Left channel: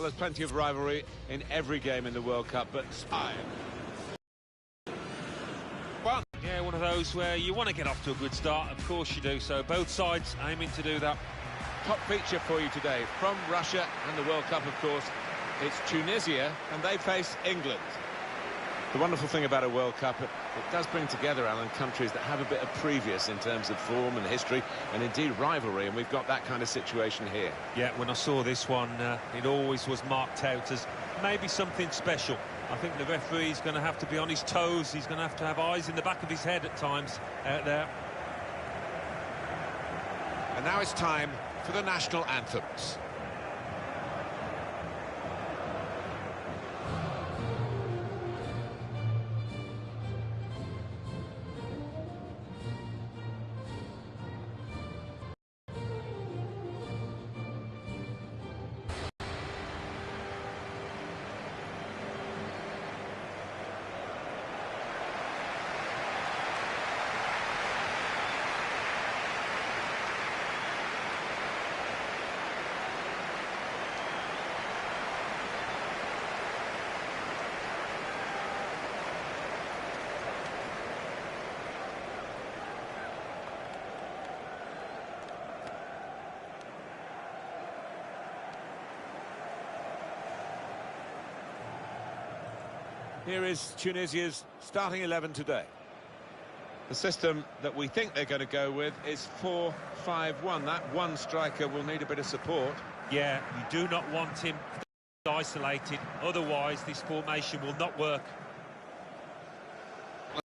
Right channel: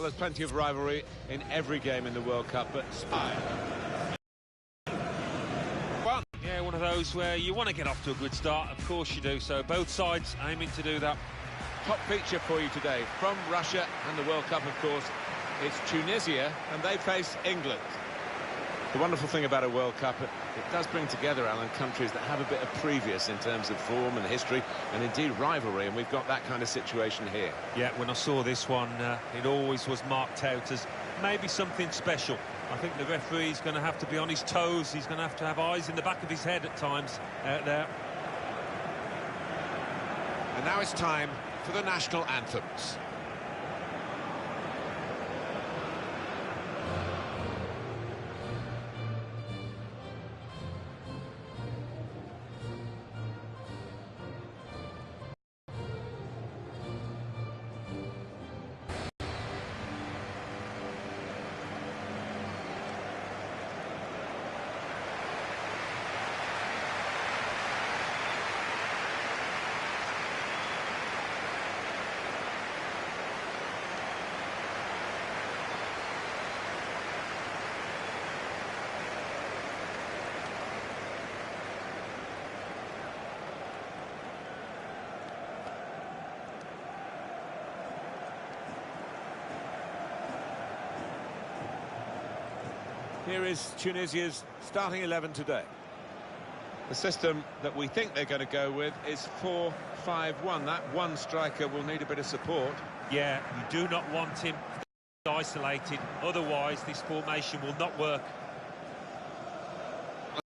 Well, there's plenty of rivalry in every game in the World Cup, but Fun. Yeah, one of those where you want to get off to a good start, of course you do, so both sides aiming to do that. Top feature for you today from Russia and the World Cup, of course. It's Tunisia, and they face England. The wonderful thing about a World Cup, it does bring together, Alan, countries that have a bit of previous in terms of form and history, and indeed rivalry, and we've got that kind of situation here. Yeah, when I saw this one, it always was marked out as maybe something special. I think the referee's going to have to be on his toes. He's going to have eyes in the back of his head at times out there. And now it's time for the national anthems. Here is Tunisia's starting 11 today. The system that we think they're going to go with is 4-5-1. That one striker will need a bit of support. Yeah, you do not want him isolated, otherwise this formation will not work.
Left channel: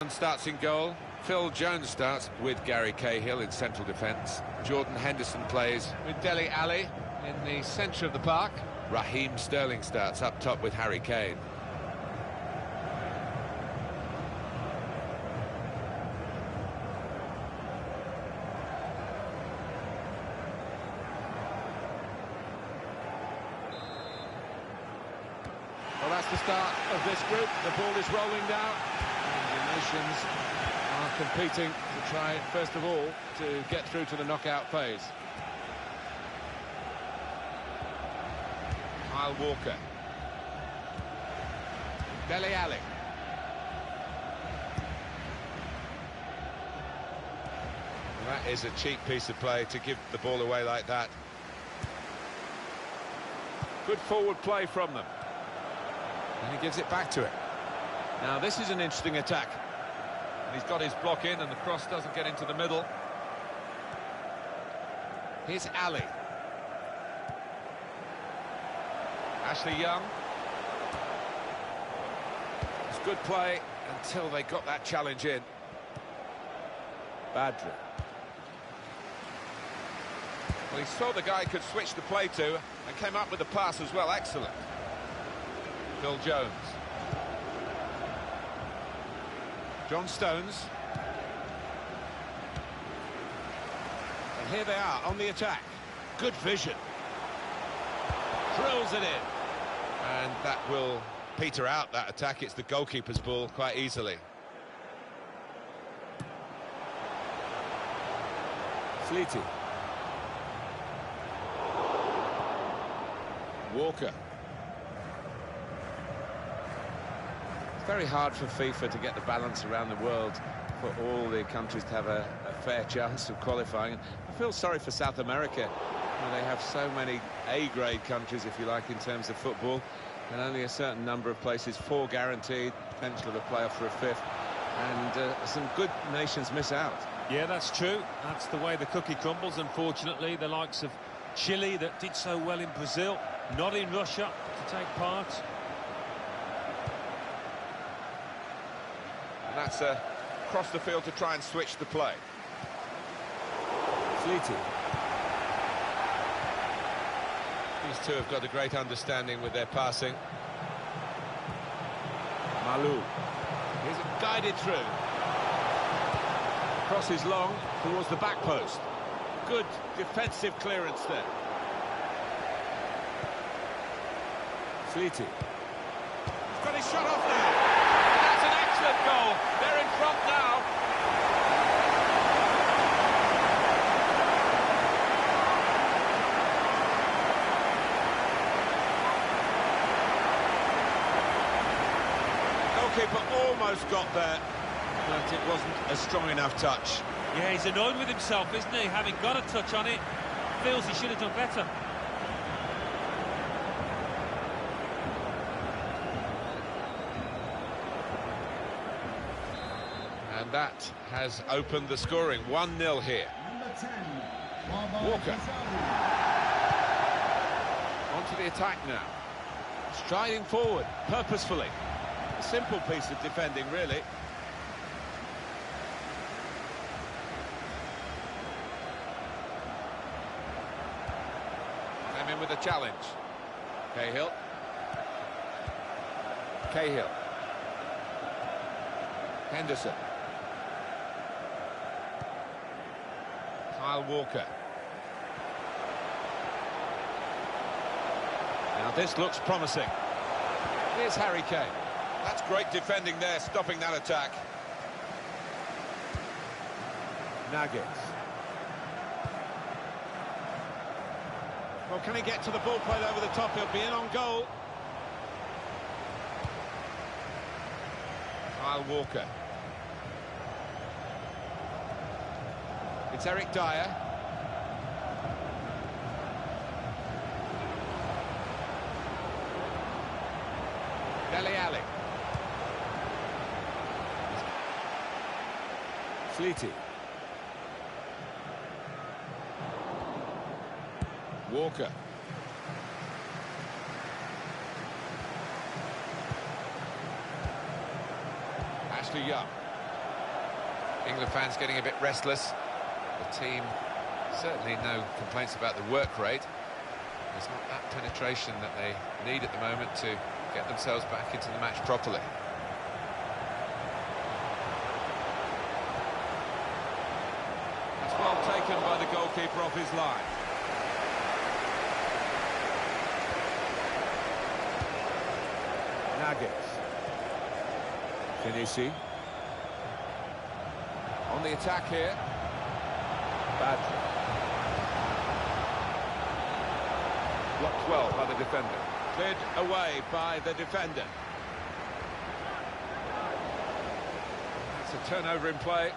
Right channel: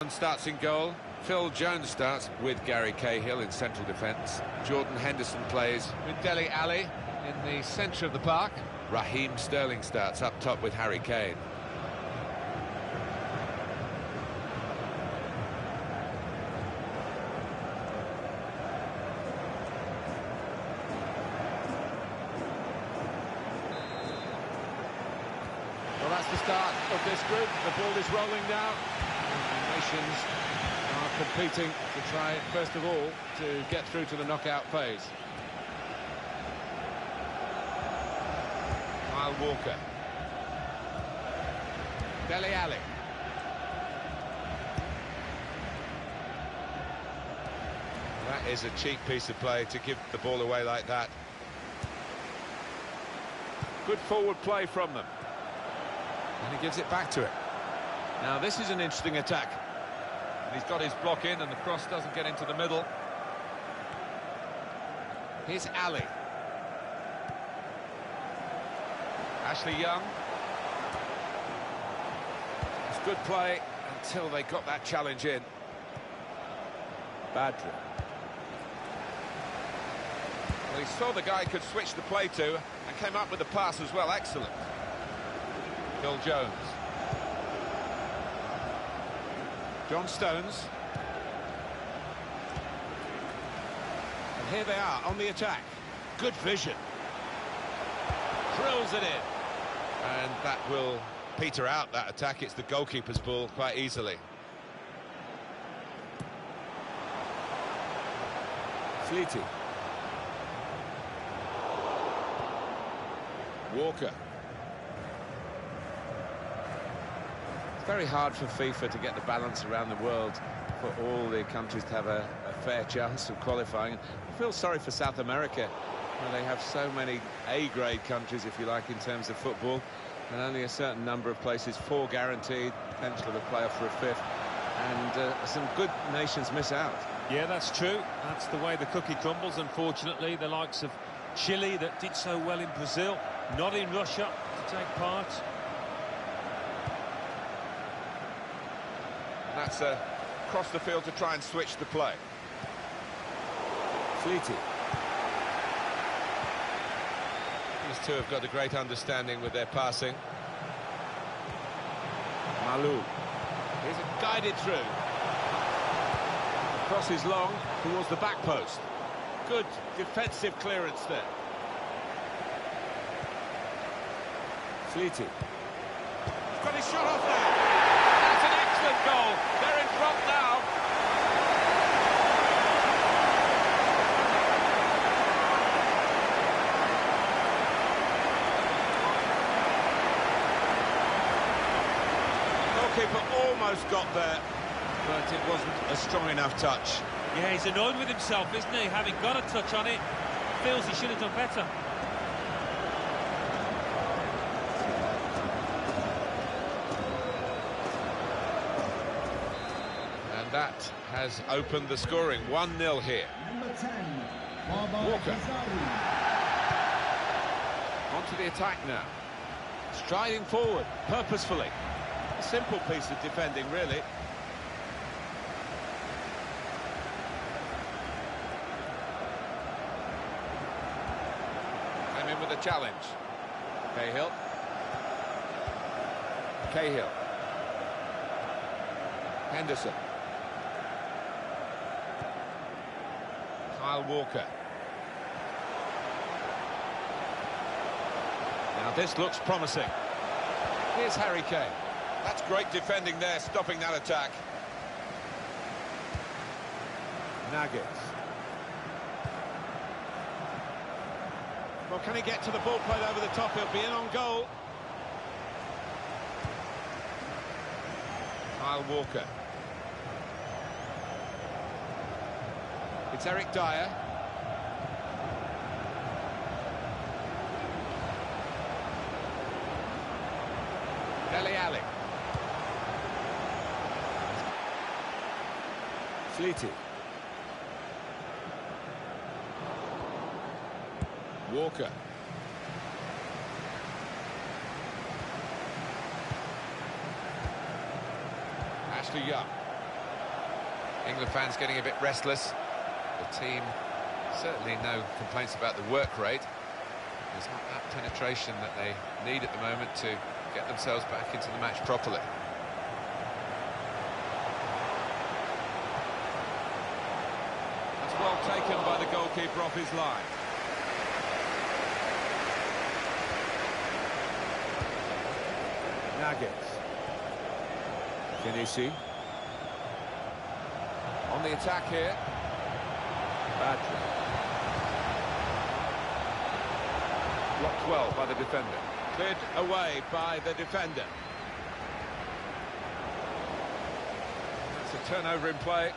And starts in goal. Phil Jones starts with Gary Cahill in central defence. Jordan Henderson plays with Dele Alli in the centre of the park. Raheem Sterling starts up top with Harry Kane. Well, that's the start of this group. The ball is rolling now. And the nations are competing to try, first of all, to get through to the knockout phase. Kyle Walker. Dele Alli. Well, that is a cheap piece of play to give the ball away like that. Good forward play from them. And he gives it back to it. Now, this is an interesting attack. And he's got his block in, and the cross doesn't get into the middle. Here's Ali. Ashley Young. It's good play until they got that challenge in. Badri. Well, he saw the guy could switch the play to, and came up with the pass as well. Excellent. Phil Jones. John Stones. And here they are on the attack. Good vision. Drills it in. And that will peter out that attack. It's the goalkeeper's ball quite easily. Fleety. Walker. It's very hard for FIFA to get the balance around the world for all the countries to have a fair chance of qualifying. I feel sorry for South America, where they have so many A-grade countries, if you like, in terms of football, and only a certain number of places, 4 guaranteed, potential of a playoff for a 5th, and some good nations miss out. Yeah, that's true. That's the way the cookie crumbles, unfortunately. The likes of Chile, that did so well in Brazil, not in Russia to take part. And that's across the field to try and switch the play. Fleety. These two have got a great understanding with their passing. Malou. Here's it guided through. Cross is long towards the back post. Good defensive clearance there. Fleety. He's got his shot off now. That's an excellent goal. They're in front now. goalkeeper almost got there, but it wasn't a strong enough touch. Yeah, he's annoyed with himself, isn't he? Having got a touch on it, feels he should have done better. And that has opened the scoring. 1-0 here. Number 10, Walker. Onto the attack now. Striding forward, purposefully. A simple piece of defending, really. Came in with a challenge. Cahill. Henderson. Kyle Walker. Now this looks promising. Here's Harry Kane. That's great defending there, stopping that attack. Nuggets. Well, can he get to the ball played over the top? He'll be in on goal. Kyle Walker. It's Eric Dyer. Dele Alli. Fleety. Walker. Ashley Young. England fans getting a bit restless. The team, certainly no complaints about the work rate. There's not that penetration that they need at the moment to get themselves back into the match properly. That's well taken by the goalkeeper off his line. Nuggets. Kinesi. On the attack here. Badger. Blocked well by the defender. Cleared away by the defender. That's a turnover in play.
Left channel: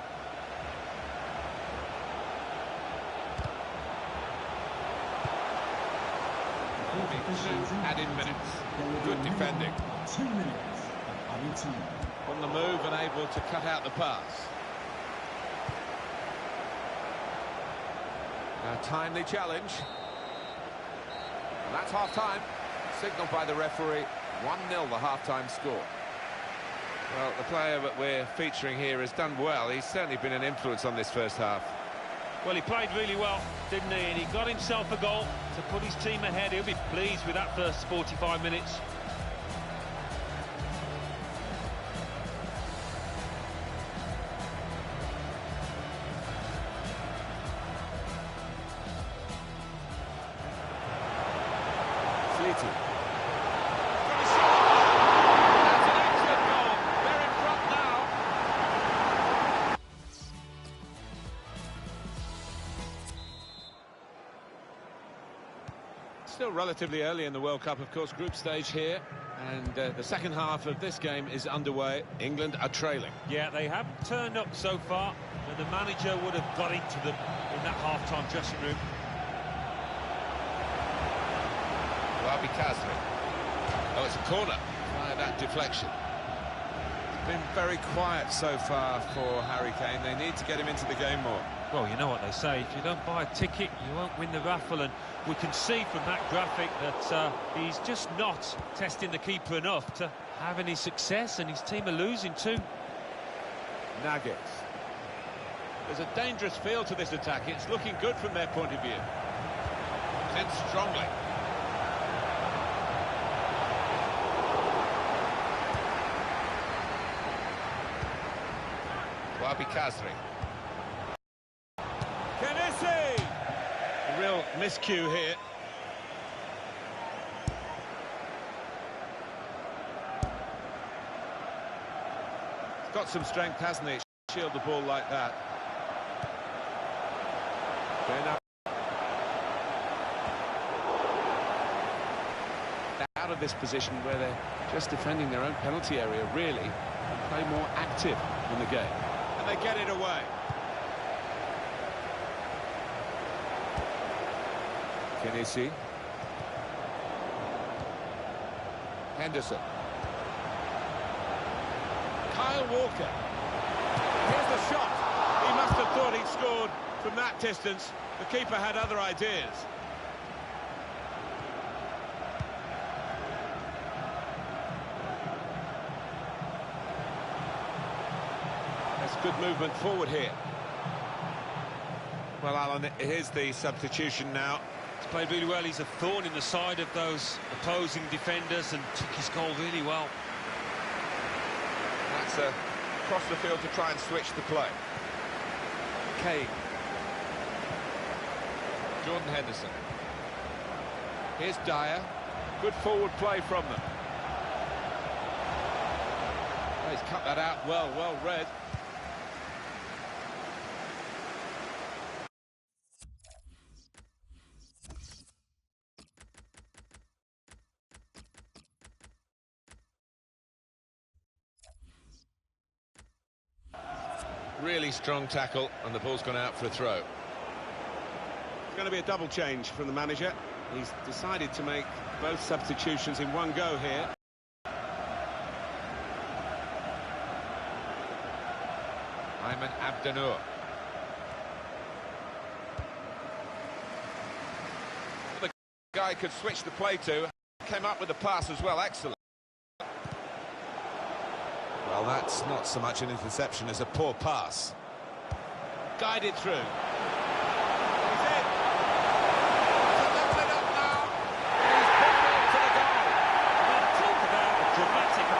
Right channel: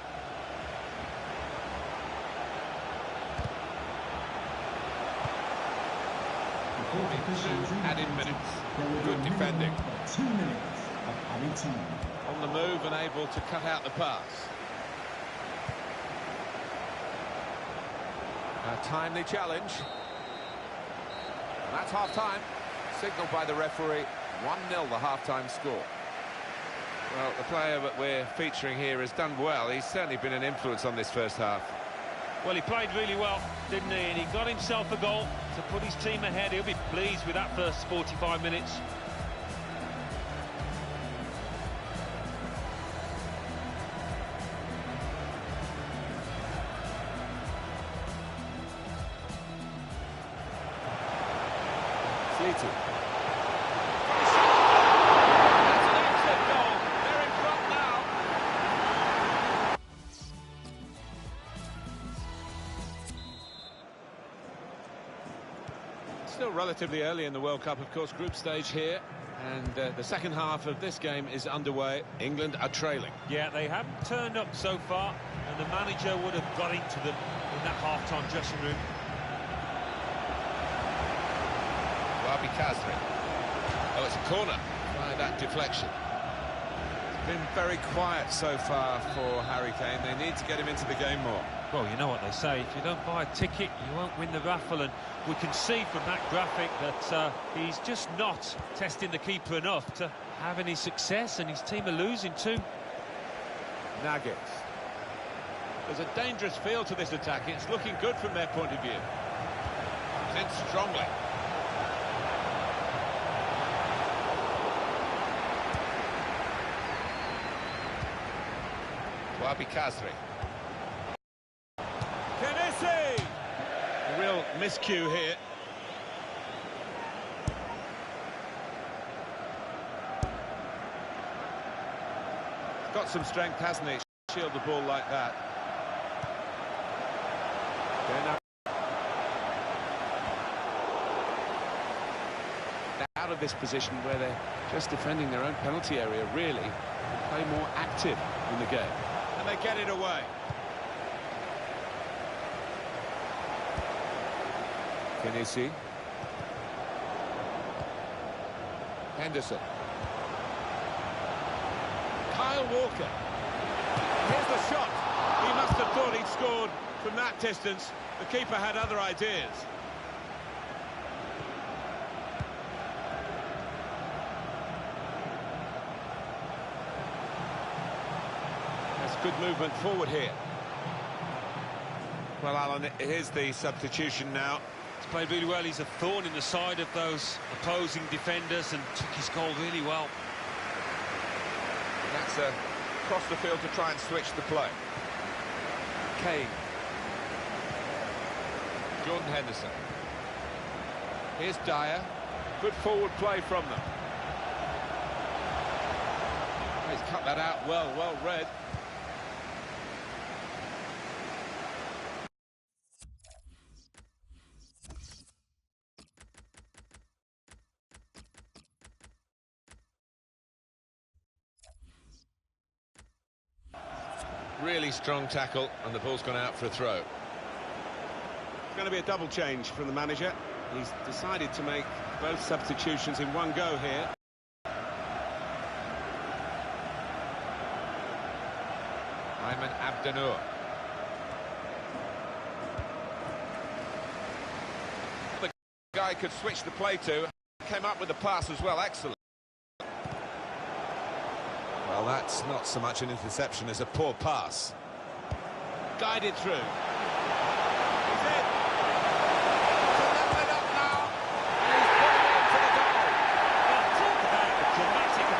Two added minutes. Good defending. 2 minutes of added time. On the move and able to cut out the pass. A timely challenge. And that's half-time. Signalled by the referee. 1-0 the half-time score. Well, the player that we're featuring here has done well. He's certainly been an influence on this first half. Well, he played really well, didn't he? And he got himself a goal to put his team ahead. He'll be pleased with that first 45 minutes. Fleety. That's an excellent goal. They're in front now. Still relatively early in the World Cup, of course, group stage here. And the second half of this game is underway. England are trailing. Yeah, they haven't turned up so far, and the manager would have got into them in that half-time dressing room. Wabi Kazri. Oh, it's a corner by that deflection. It's been very quiet so far for Harry Kane. They need to get him into the game more. Well, you know what they say, if you don't buy a ticket, you won't win the raffle, and we can see from that graphic that he's just not testing the keeper enough to have any success, and his team are losing too. Nuggets. There's a dangerous feel to this attack. It's looking good from their point of view. Comes in strongly. Wabi Kazri. Kinesi! A real miscue here. He's got some strength, hasn't he? Shield the ball like that. Out of this position where they're just defending their own penalty area, really, and play more active in the game. And they get it away. Kenesi. Henderson. Kyle Walker. Here's the shot. He must have thought he'd scored from that distance. The keeper had other ideas. That's good movement forward here. Well, Alan, here's the substitution now. He's played really well. He's a thorn in the side of those opposing defenders and took his goal really well. That's across the field to try and switch the play. Kane. Jordan Henderson. Here's Dyer. Good forward play from them. Oh, he's cut that out well read. Really strong tackle, and the ball's gone out for a throw. It's going to be a double change from the manager. He's decided to make both substitutions in one go here. Ayman Abdennour. The guy could switch the play to. Came up with the pass as well. Excellent. Well, that's not so much an interception as a poor pass. Guided through. He's in.